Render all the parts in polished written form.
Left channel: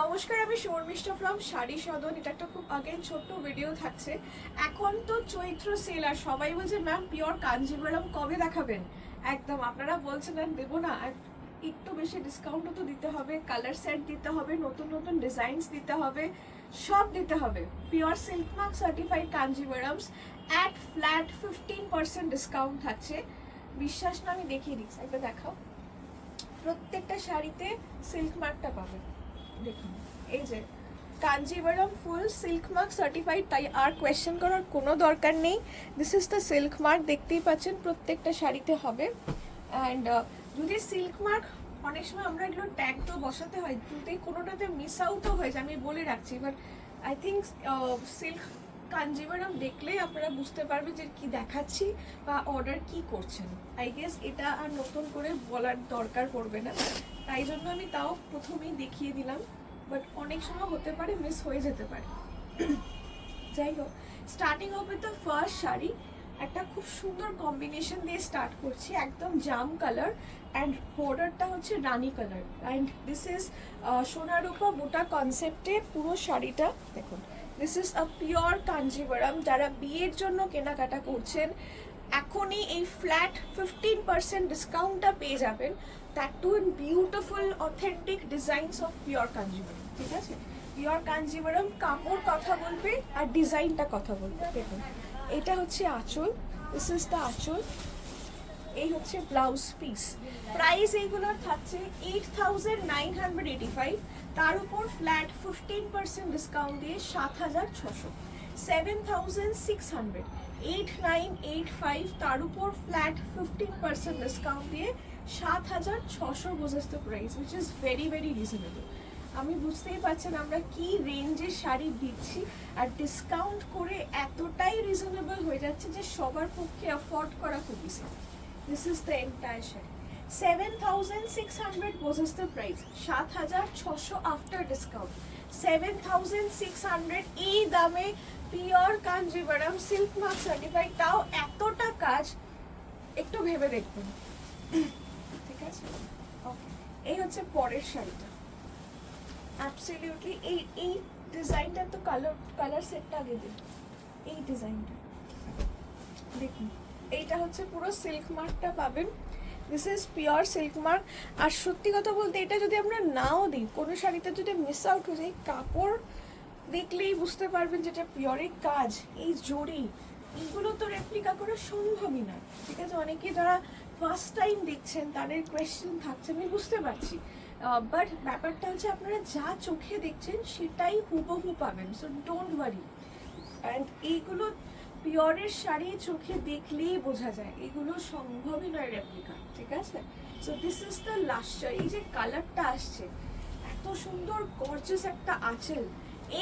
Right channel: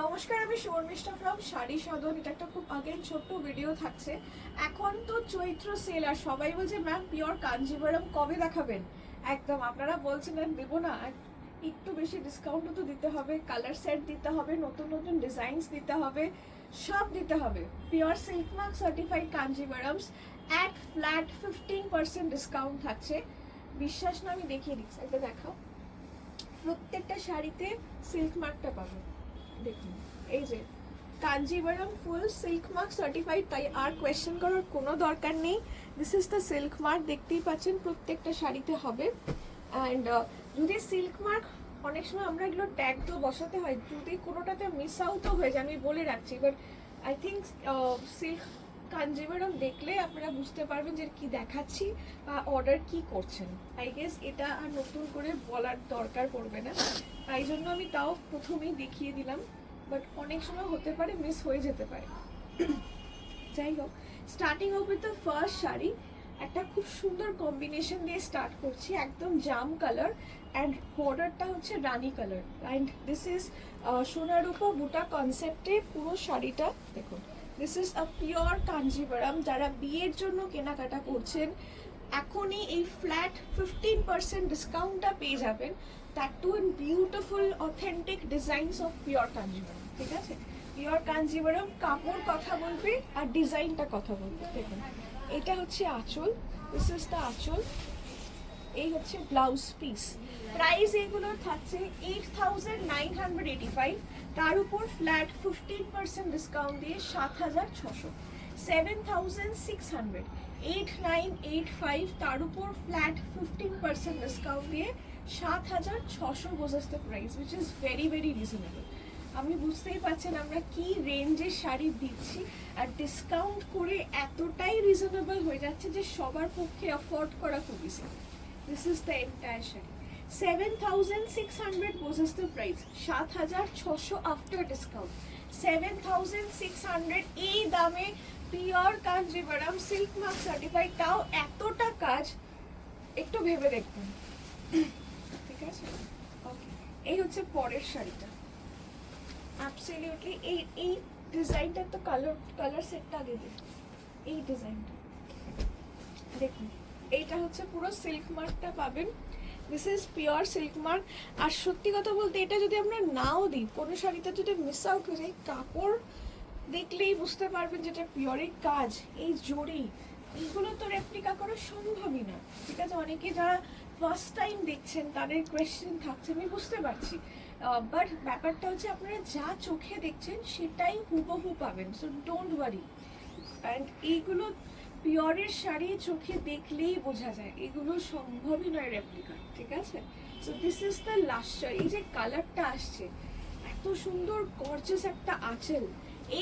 নমস্কার, আমি শর্মিষ্ঠা ফ্রম শাড়ি সদন। এটা একটা খুব আগের ছোট্ট ভিডিও থাকছে। এখন তো চৈত্র সেল আর সবাই বলছে ম্যাম পিওর কাঞ্জিভারাম কবে দেখাবেন। একদম আপনারা বলছেন ম্যাম দেবো না, আর একটু বেশি ডিসকাউন্টও তো দিতে হবে, কালার সেট দিতে হবে, নতুন নতুন ডিজাইনস দিতে হবে, সব দিতে হবে। Pure silk mark certified Kanjivarams at flat 15% discount থাকছে। বিশ্বাস না, আমি দেখিয়ে দিচ্ছি, একটা দেখাও। প্রত্যেকটা শাড়িতে সিল্ক মার্কটা পাবেন। দেখুন, এই যে কাঞ্জিভারাম ফুল সিল্ক মার্ক সার্টিফাইড, তাই আর কোয়েশ্চেন করার কোনো দরকার নেই। This is the silk mark, দেখতেই পাচ্ছেন প্রত্যেকটা শাড়িতে হবে। অ্যান্ড যদি সিল্ক মার্ক, অনেক সময় আমরা এগুলো ট্যাগ তো বসাতে হয়, যদি কোনোটাতে মিস আউটও হয়ে যায় আমি বলে রাখছি, but I think silk Kanjivaram দেখলেই আপনারা বুঝতে পারবেন যে কি দেখাচ্ছি বা অর্ডার কি করছেন। আই গেস এটা আর নতুন করে বলার দরকার পড়বে না, তাই জন্য আমি তাও প্রথমেই দেখিয়ে দিলাম, বাট অনেক সময় হতে পারে মিস হয়ে যেতে পারে। যাই হোক, starting of with the first sari, একটা খুব সুন্দর কম্বিনেশন দিয়ে স্টার্ট করছি, একদম জাম কালার অ্যান্ড বর্ডারটা হচ্ছে রানি কালার। অ্যান্ড দিস ইজ সোনারূপা বুটা কনসেপ্টে পুরো শাড়িটা দেখুন। This is a pure Kanjivaram. যারা বিয়ের জন্য কেনাকাটা করছেন এখনই এই ফ্ল্যাট 15% ডিসকাউন্টটা পেয়ে যাবেন, that too in beautiful authentic designs of pure Kanjivaram. ঠিক আছে, পিওর কাঞ্জিভারাম কাপড় কথা বলবে আর ডিজাইনটা কথা বলবে। দেখুন, এটা হচ্ছে আঁচল, দিস ইজ দ্য আঁচল, এই হচ্ছে ব্লাউজ পিস। প্রাইস এগুলোর থাকছে 8,985, তার উপর ফ্ল্যাট 15% ডিসকাউন্ট দিয়ে 7,600। 7,600, 8,985, তার উপর ফ্ল্যাট 15% ডিসকাউন্ট দিয়ে 7,600 বোঝাস the price, which is very very reasonable. আমি বুঝতেই পারছেন আমরা কি রেঞ্জের শাড়ি দিচ্ছি, আর ডিসকাউন্ট করে এতটাই রিজনেবল হয়ে যাচ্ছে যে সবার পক্ষে অ্যাফোর্ড করা খুব easy. This is the entire sari. 7,600 was the price, 7,600 after discount। 7,600 এই দামে pure Kanjivaram silk mark certified, তাও এতটা কাজ, একটু ভেবে দেখুন। ঠিক আছে, এই হচ্ছে পরের শাড়িটা। অ্যাবসলিউটলি এই ডিজাইনটা তো কালার সেটটা আগে দিন। এই ডিজাইনটা দেখুন, এইটা হচ্ছে পুরো সিল্ক মার্কটা পাবেন। This is pure silk mark. আর সত্যি কথা বলতে এটা যদি আমরা নাও দিই, কোনো শাড়িতে যদি মিস আউট হয়ে যায়, কাপড় দেখলেই বুঝতে পারবেন যেটা পিওরের কাজ। এই জড়ি এইগুলো তো রেপ্লিকা করা সম্ভবই না। ঠিক আছে, অনেকে যারা ফার্স্ট টাইম দেখছেন তাদের কোয়েশ্চেন থাকছে, আমি বুঝতে পারছি, বাট ব্যাপারটা হচ্ছে আপনারা যা চোখে দেখছেন সেটাই হুবহু পাবেন, সো ডোন্ট ওয়ারি। অ্যান্ড এইগুলো পিওরের শাড়ি চোখে দেখলেই বোঝা যায়, এগুলো সম্ভবই নয় রেপ্লিকা। ঠিক আছে, so this is the last sari. এই যে কালারটা আসছে, এত সুন্দর গর্জিয়াস একটা আঁচল।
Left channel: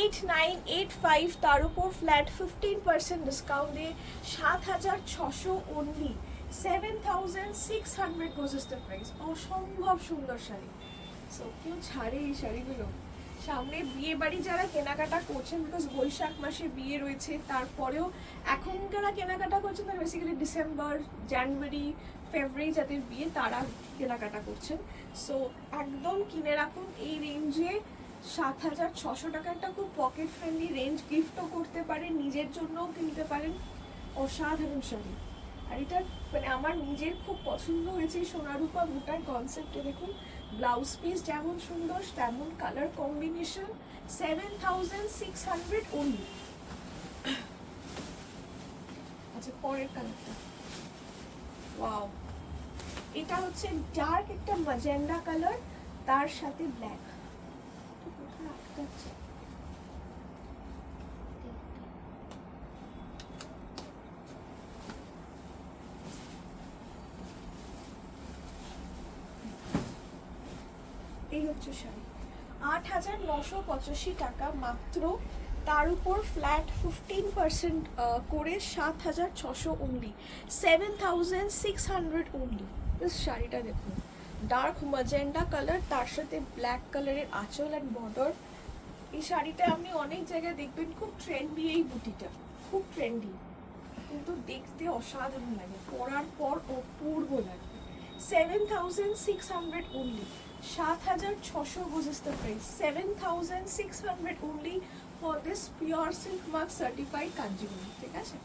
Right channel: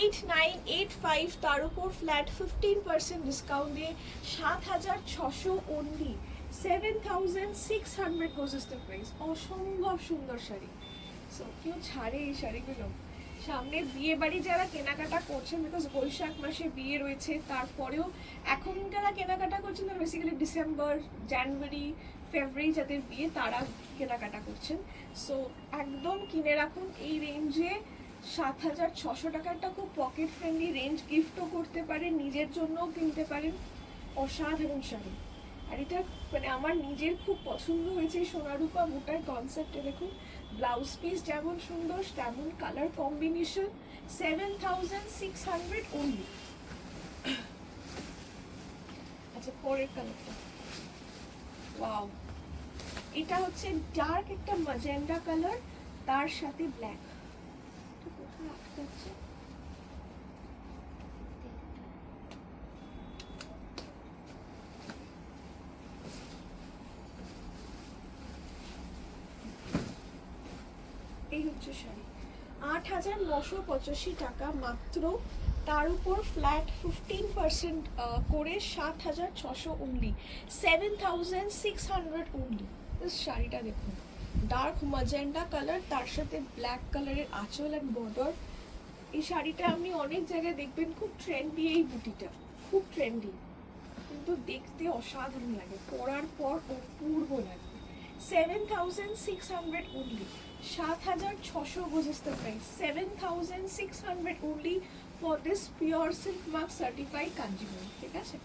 8,985, তার উপর ফ্ল্যাট 15% ডিসকাউন্ট দিয়ে 7,600 only. 7,600 goes is the price. অসম্ভব সুন্দর শাড়ি। সো কেউ ছাড়ে এই শাড়িগুলো। সামনে বিয়ে বাড়ি যারা কেনাকাটা করছেন, বিকজ বৈশাখ মাসে বিয়ে রয়েছে, তারপরেও এখন যারা কেনাকাটা করছেন তারা বেসিক্যালি ডিসেম্বর, জানুয়ারি, ফেব্রুয়ারি যাদের বিয়ে তারা কেনাকাটা করছেন। সো একদম কিনে রাখুন এই রেঞ্জে। 7,600 টাকাটা খুব পকেট ফ্রেন্ডলি রেঞ্জ, গিফটও করতে পারেন, নিজের জন্যও কিনতে পারেন। অসাধারণ শাড়ি। আর এটা মানে আমার নিজের খুব পছন্দ হয়েছে সোনারূপা বুটার কনসেপ্টে। দেখুন, ব্লাউজ পিস যেমন সুন্দর তেমন কালার কম্বিনেশন। 7,600 অনলি। আচ্ছা, পরের কালারটা, ওয়াও, এটা হচ্ছে ডার্ক একটা ম্যাজেন্ডা কালার, তার সাথে ব্ল্যাক। কোথায় আটকাচ্ছে? এই হচ্ছে শাড়ি। 8,985 টাকা মাত্র, তার উপর ফ্ল্যাট 15% করে 7,600 অনলি। 7,600 অনলি। শাড়িটা দেখুন, ডার্ক ম্যাজেন্ডা কালার, তার সাথে ব্ল্যাক কালারের আঁচল অ্যান্ড বর্ডার। এই শাড়িটা আপনি অনেক জায়গায় দেখবেন, খুব ট্রেন্ডি এই বুটিটা, খুব ট্রেন্ডি, কিন্তু দেখতে অসাধারণ লাগে, পরার পর অপূর্ব লাগবে। 7,600 only. 7,600 is the price. 7,600 only for this pure silk mark certified Kanjivaram, ঠিক আছে?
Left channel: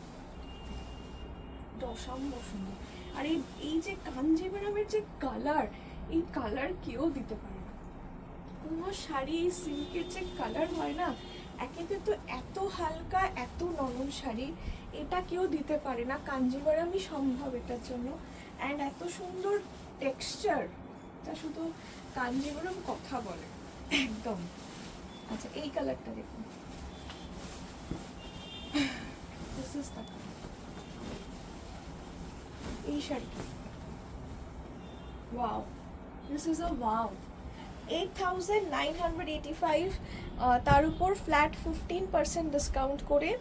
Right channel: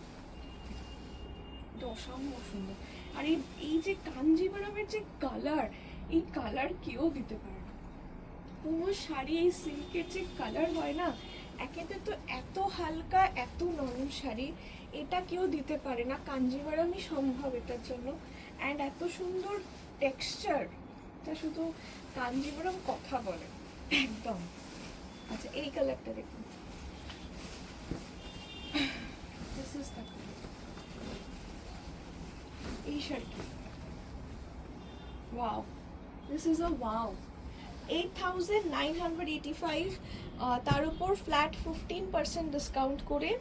অসম্ভব সুন্দর। আর এই যে কাঞ্জিভরমের যে কালার, এই কালার কেউ দিতে পারে না। কোনো শাড়ি এই সিল্কের যে কালার হয় না, একেতে তো এত হালকা, এত নরম শাড়ি, এটা কেউ দিতে পারে না, কাঞ্জিভরমই সম্ভব এটার জন্য। অ্যান্ড এত সুন্দর টেক্সচার, তা শুধু কাঞ্জিভরম কথা বলে একদম। আচ্ছা, এই কালারটা দেখুন, দিস ইজ দ্য কালার। এই শাড়িটা wow, this is a wow. 8,985, তার উপর ফ্ল্যাট 15% ডিসকাউন্ট করে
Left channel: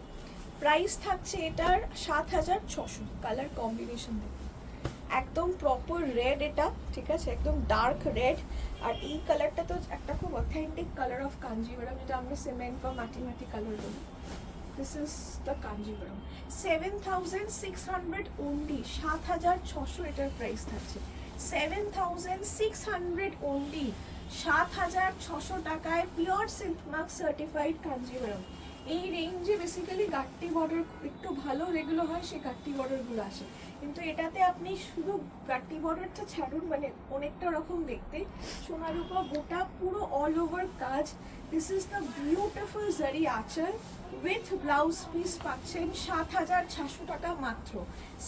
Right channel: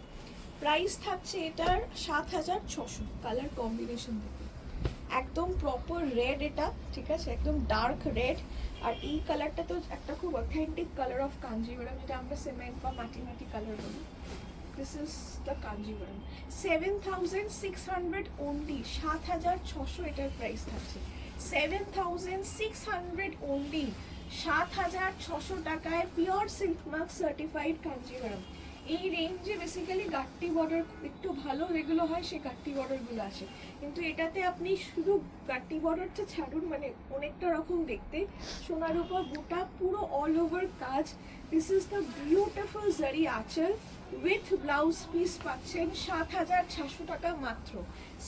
প্রাইস থাকছে এটার 7,600। কালার কম্বিনেশন দেখুন, একদম প্রপার রেড এটা, ঠিক আছে, একদম ডার্ক রেড। আর এই কালারটা তো একটা খুব অথেন্টিক কালার অফ কাঞ্জিভরম, যেটা আমরা সিমেন্ট বা মাটি মাটি কালার বলি। This is the Kanjivaram. 7,600 only, 7,600 এটার প্রাইস থাকছে। 7,600 অনলি, 7,600 টাকায় pure silk mark certified Kanjivaram. এই রেঞ্জে বেসিক্যালি গাট্টি বর্ডার একটু ভালো যেগুলো হয়, সেই গাট্টি বর্ডারগুলো আসে, কিন্তু এটাতে আপনি শুধু গাট্টি বর্ডারটা ছাড়ুন, মানে অনেকটা রকম দেখতে, সোনার উপর গোটা পুরো অল ওভার কাজ। দিস ইজ দ্য বিউটিফুল জারি আঁচল উইথ ব্লাউজ পিস পাচ্ছেন 7,600 টাকা মাত্র।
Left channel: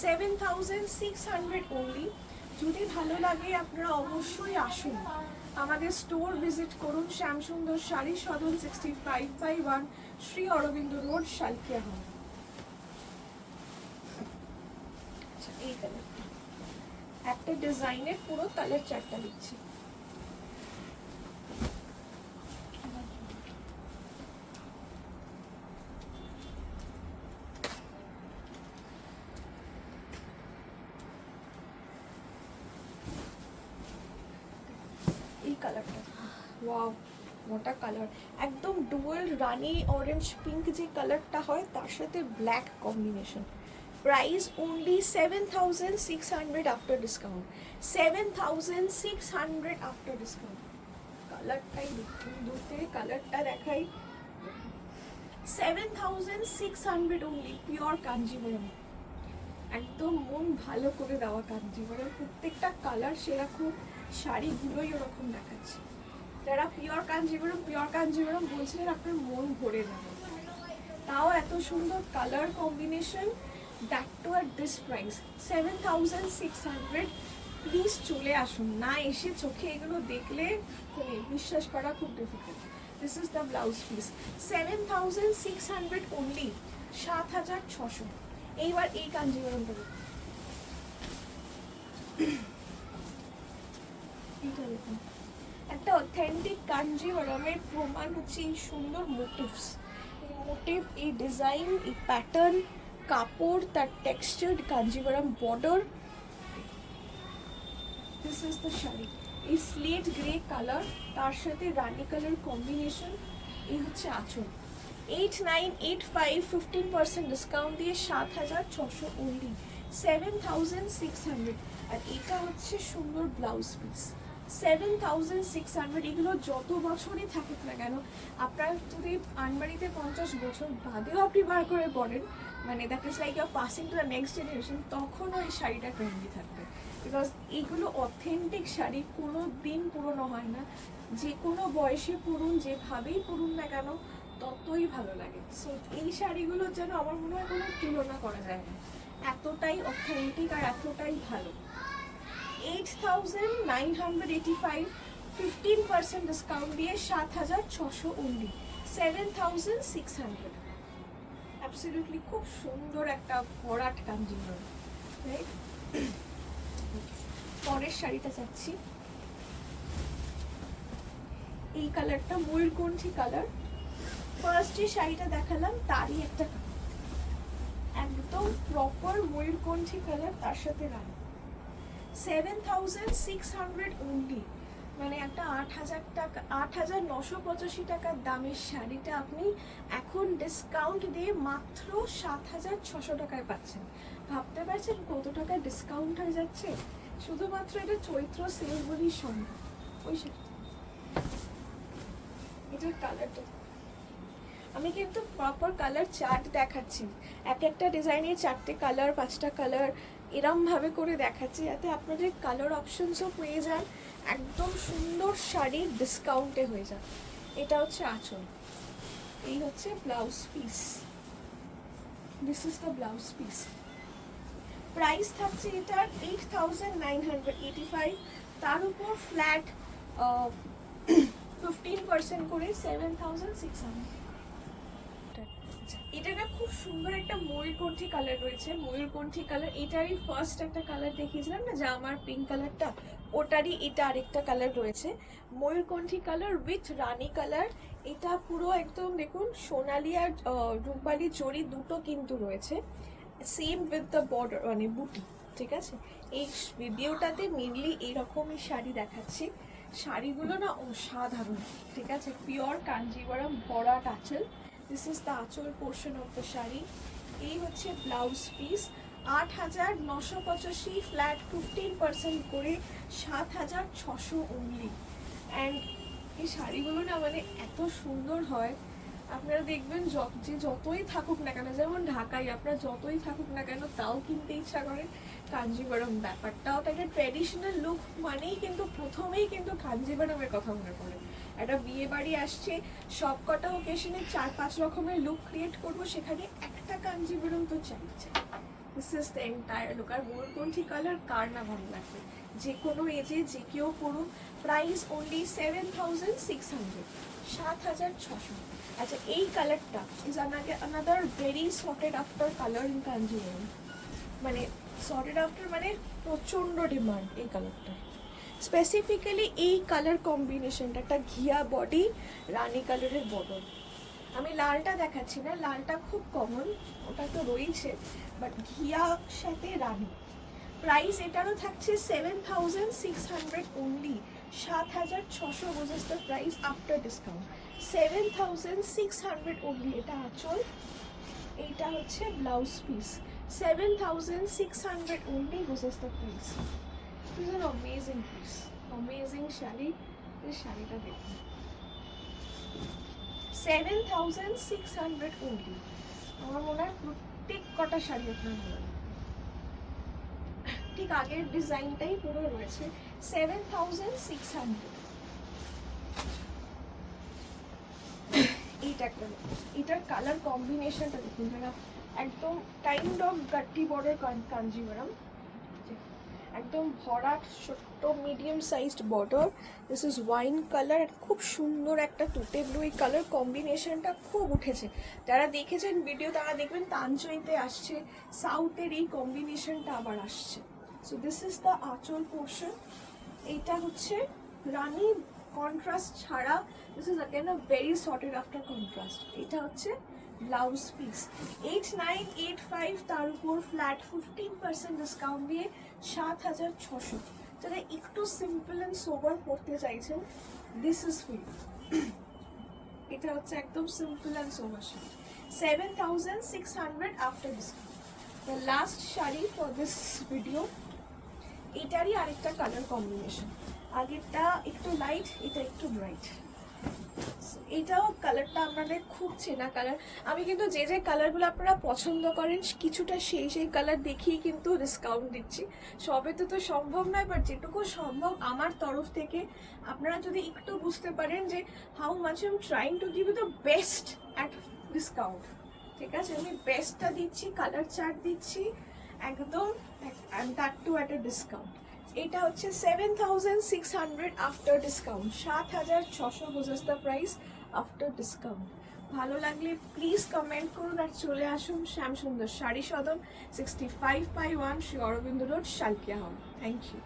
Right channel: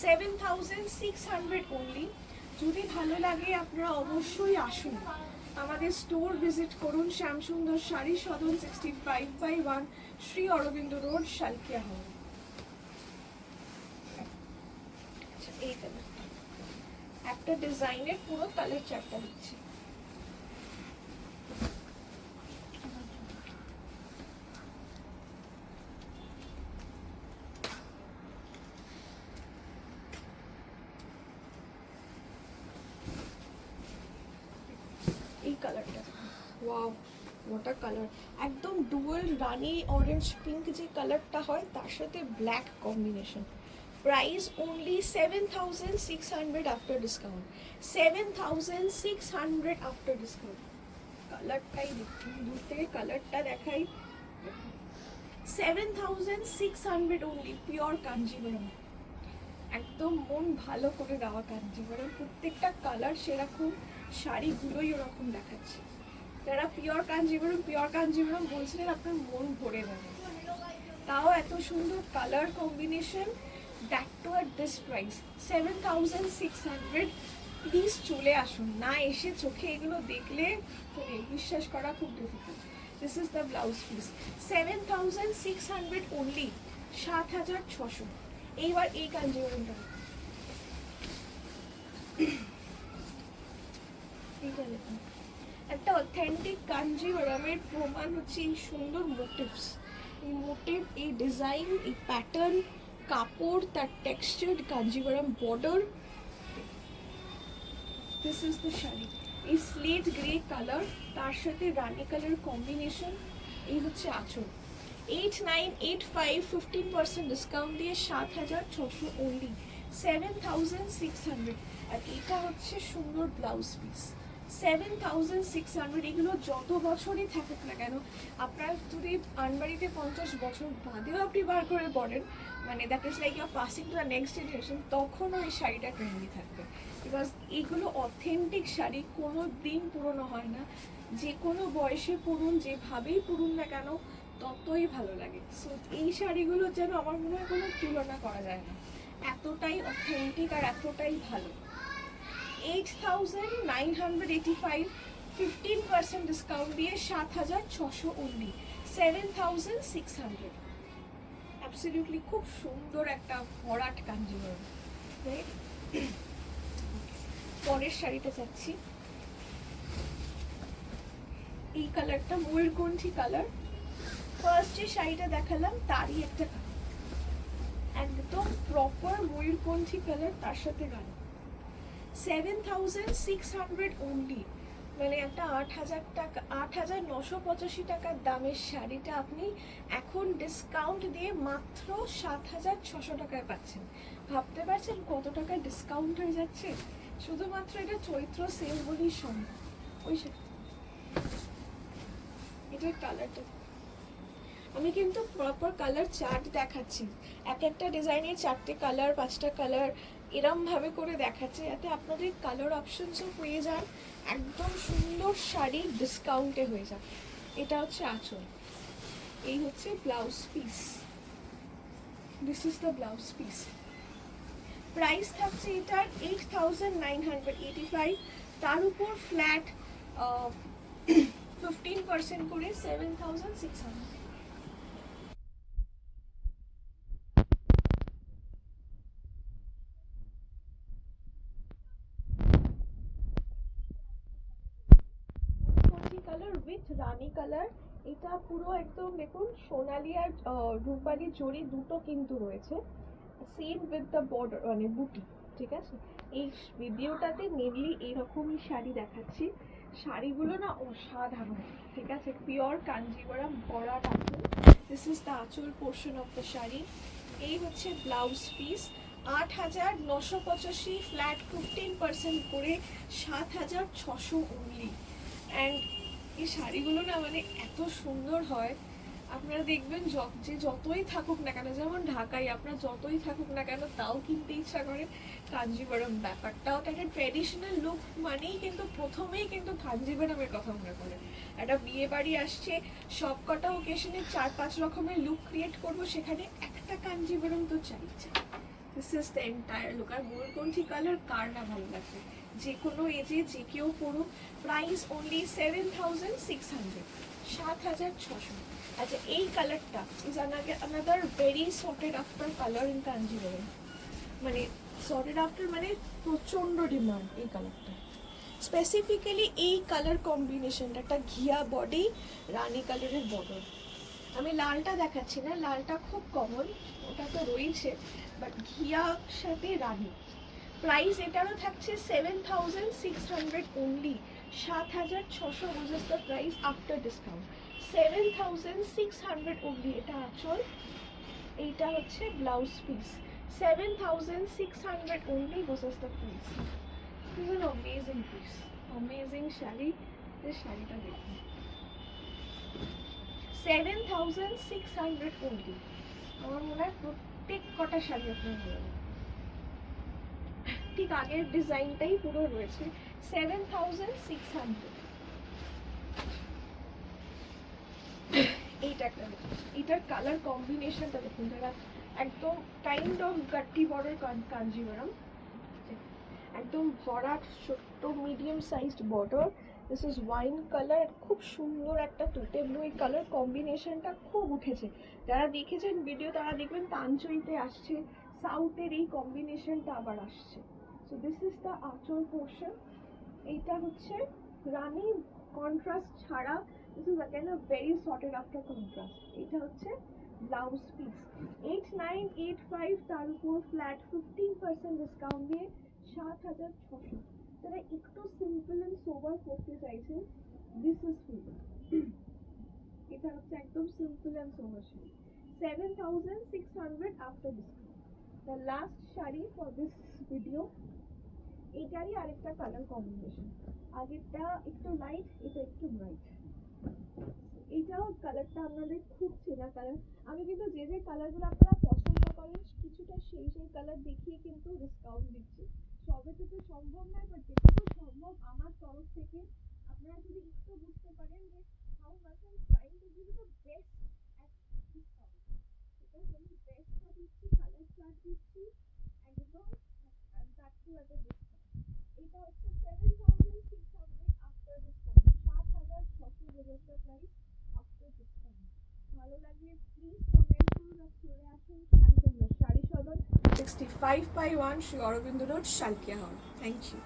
7,600 অনলি। যদি ভালো লাগে আপনারা অবশ্যই আসুন, আমাদের স্টোর ভিজিট করুন, শ্যামসুন্দর শাড়ি সদন 65/1 শ্রী অরবিন্দ রোড, শালকিয়া হল। আচ্ছা, এই কালার একটা ডিজাইনের পুরো কালার চারটা দিচ্ছি। এই কালারটা ওয়াও, মোটা কালার, একদম ডুয়াল রানি অরেঞ্জ পিঙ্ক যে কালারটা হয়, তার সাথে black combination. Price only 7,600 after discount. 7,600 after discount. কালারটাই দুতে কালারটা দেখাই। 7,600 অনলি, পিওর কাঞ্জিভরম, একদম মন ভালো করে দেওয়া কাঞ্জিভরম। প্রত্যেকটা কালার সেরকম, শাড়িগুলোই ওরকম দেখাচ্ছে। যারা পিওর কাঞ্জিভরম বলছিলেন, আপনার মন ভরে যাবে। তাও এত সুন্দর colour combination, that too at this price 7,600। Please চলে আসুন, না এসে চোখে এগুলো দেখলে মানে বিশ্বাস করা খুব difficult. This is the blouse piece. 7,600 only, 7,600। এইবার এই কাঞ্জিভরমটা দেখুন, একটা অথেন্টিক কাঞ্জিভরমের প্রমাণ হচ্ছে এই সুন্দর মোটিভস। এই মোটিভ, এই ডিজাইন, এই প্যাটার্ন, কাপড়, তার textured Kanjivaram border. This is the sari. এই স্লেট গ্রে কালার, তার সাথে রানি কালার কম্বিনেশন। এই হচ্ছে আঁচল। 8,985, 15% ডিসকাউন্ট দিয়ে 7,600 অনলি, 7,600। আর এটা হচ্ছে সুন্দর ব্লাউজ পিস। 7,600। এগুলো যত বছরই থাকুক না কেন, আপনার যদি আনবাড়িতে 50 বছর বাদেও আপনি বার করে পড়েন, মানে that is like your passing to the next generation, তখনও এই শাড়িটা ট্রেন্ডি থাকবে। বিকজ এগুলো অথেন্টিক শাড়ি, কোনো দিন পুরনো হয় না, যে কোনো বয়সে পরুন, যেভাবেই পরুন না কেন ততই ভালো লাগে। সো এই শাড়িগুলোর যেন আমার মনে হয় কোনো তুলনা করা যায় না, এতটাই অথেন্টিক আর এতটাই ভালো। 8,985, 15% ডিসকাউন্ট দিয়ে 7,600 অনলি, 7,600। অ্যাবসলিউটলি খুব সুন্দর একটা ভরাট কাঞ্জিভরম। পরের শাড়িটা চাচ্ছি, এই কালারটা ময়ূরকণ্ঠী কালার। ফার্স্ট যে শাড়িটা দেখালাম তারই একটা একদম প্রপার ময়ূরকণ্ঠী কালার, তার সাথে রানী। 7,600 অনলি, মানে একটা 8,000 টাকা, 8,985 টাকার দামের শাড়িটা আপনি এখন ডিসকাউন্ট দিয়ে মাত্র 7,600 টাকায় পাচ্ছেন। ভাবতে পারছেন কত টাকা ডিসকাউন্ট হয়ে যাচ্ছে? শুধুমাত্র এটা চৈত্র সেল বলেই সম্ভব। ওই এটার কালারটা আমি কিন্তু প্রপার কালার চার্ট দেখাচ্ছি, এক একটা ডিজাইনের 4টে কালার 5টা কালার এরম ভাবে করে দেখাচ্ছি যাতে আপনাদের কালার অপশনসও পেয়ে যান, একদম সুন্দর শাড়ি ডিসকাউন্টে হয়ে যাবে। এটা হচ্ছে আঁচল, এই হচ্ছে blouse piece, this is the blouse piece. Price থাকছে এটার 8,985, তার উপর ফ্ল্যাট 15% করে 7,600। এটা না খুব সুন্দর একটা ময়ূরকণ্ঠী কালার রয়েছে, ময়ূরকণ্ঠী কালার। এটারই ফার্স্ট একটা কালার দেখিয়েছিলাম না যা আমার পিঙ্ক কালারটা, ওটারই এটা আরেকটা কালার রয়েছে ময়ূরকণ্ঠী কালার উইথ রানী কালার। এটা পুরো একদম দেখুন সোনালি আর রূপালি জড়ি দুটো কিন্তু রয়েছে, সেম উইথ দ্য বর্ডার মানে বুটি, ঠিক আছে। এই ভিডিওটাতে মেনলি এইরকমই শাড়ি দেখাচ্ছি, শাড়িগুলো না অসাধারণ, ঠিক আছে। পিওর কাঞ্জিভারাম ভরা আঁচল, দিস ইজ দ্য আঁচল পোর্শন অফ দ্য শাড়ি। এই হচ্ছে ব্লাউজ পিস, 8,985 ফ্ল্যাট 15% করে 7,600 অনলি। অ্যান্ড এই শাড়িগুলো না মানে এত সুন্দর হয়, আপনারা দেখবেন যে যতই থাকুক না কেন, যেমন ঢাকায় আপনারা যতই থাকুক না কেন তাও কিনতে ইচ্ছা করে। কাঞ্জিভারাম ব্যাপারটাও একটা ট্র্যাডিশনাল লুক মানেই কিন্তু প্রথমেই কিন্তু কাঞ্জিভারামের কথা মনে পড়ে। একটা বিয়ে বাড়ি আসছে, সব কটা ওকেশনে 4-5 রকমের লুক ক্রিয়েট করবো, সেখানে একটা কাঞ্জিভারাম তো চাই। This is the entire look. আর ময়ূরকণ্ঠী কালার কার না ভালো লাগে, যে কোনো এজে যে কেউ পড়ুন। Price only 7,600, 7,600। আচ্ছা, এই কালারটা is another very sorted after colour in Kanjivaram, মানে সর্টেড আফটার মানে প্রচণ্ড ডিমান্ড এই কালারটা। স্পেসিফিক্যালি এই কালার কম্বিনেশনটা, একটা ঘিয়া বডি রানী কালারের বর্ডার। আমি লালটা দেখাচ্ছি না, লালটা খুব কমন, ওটা তো রয়েছে, বাট ঘিয়ার সাথে রানী। প্রাইস এটারও থাকছে 7,600 অনলি, 7,600 বুঝেস the price after discount, 7,600 only. এটা আঁচল, এইটা হচ্ছে blouse piece, 7,600 only, this is the price. This is an amazing piece, amazing sari. এই শাড়িটা দেখুন, 7,600 only। আমার মনে হয় প্রত্যেক কটা শাড়ি আপনার রয়েছে, ঠিক আগের ডিজাইনটাই পুরো রয়েছে, 7,600। এটার কালার কম্বিনেশনটা দেখুন, যারা একদম কাইন্ড অফ গাট্টি বর্ডার কাঞ্জিভারাম, একদম ভরাট ছোট্ট medium sized border. This is wine colour, খুব সুন্দর একটা তুতে ব্লু, এই কালার কম্বিনেশনটা খুব উঠেছে। যারা দেখেছেন ভিডিও তারা দেখবেন তাঞ্চইতে আসছে, সাউথের এই কম্বিনেশনটা আবার আসছে। সো দিস ইজ দ্য আঁচল পোর্শন। এইটা হচ্ছে রানী কন্ট্রাস্ট ছাড়া, this is again a very sorted after contrast. এটা হচ্ছে ব্লাউজ পিস, 8,985, তার উপর ফ্ল্যাট 15% ডিসকাউন্ট দিয়ে 7,600। যারা একটু সিম্পল অ্যান্ড সোবার পড়তে চাইছেন, দিস ইজ ফর ইউ। এটা হচ্ছে একদম simple and sober sari, 7,600 after discount. The last sari for this video, এটারই আরেকটা কালার কম্বিনেশন, আগেরটা একটু লাইট, এটা একটু ব্রাইট। এটাও কালারটা আপনাদের খুব চেনা কালার। আমি কিন্তু যে যে কালারগুলো আপনারা পছন্দ করেন কিছুটা সেই কালার দেখিয়ে কিন্তু ডিসকাউন্ট দিচ্ছি। সবে তো সম্ভব নয়, বাট যেটুকু সম্ভব আমার তরফ থেকে আপনারা যদি একটু বুঝতে পারেন যে how much I am trying to give you the best at discount, ঠিক আছে। আমি বেস্টটা দিচ্ছি, কালার চার্ট দিচ্ছি একদম, and that too at a discount. এটা হচ্ছে 7,600 আফটার ডিসকাউন্ট, 7,600 বুঝেস দ্য প্রাইস আফটার ডিসকাউন্ট। ভালো লাগলে প্লিজ কমেন্ট করুন আর চলে আসুন Shyamsundar Sari Sadan, 65/1 Shri Aurobindo road, Salkia house. Thank you.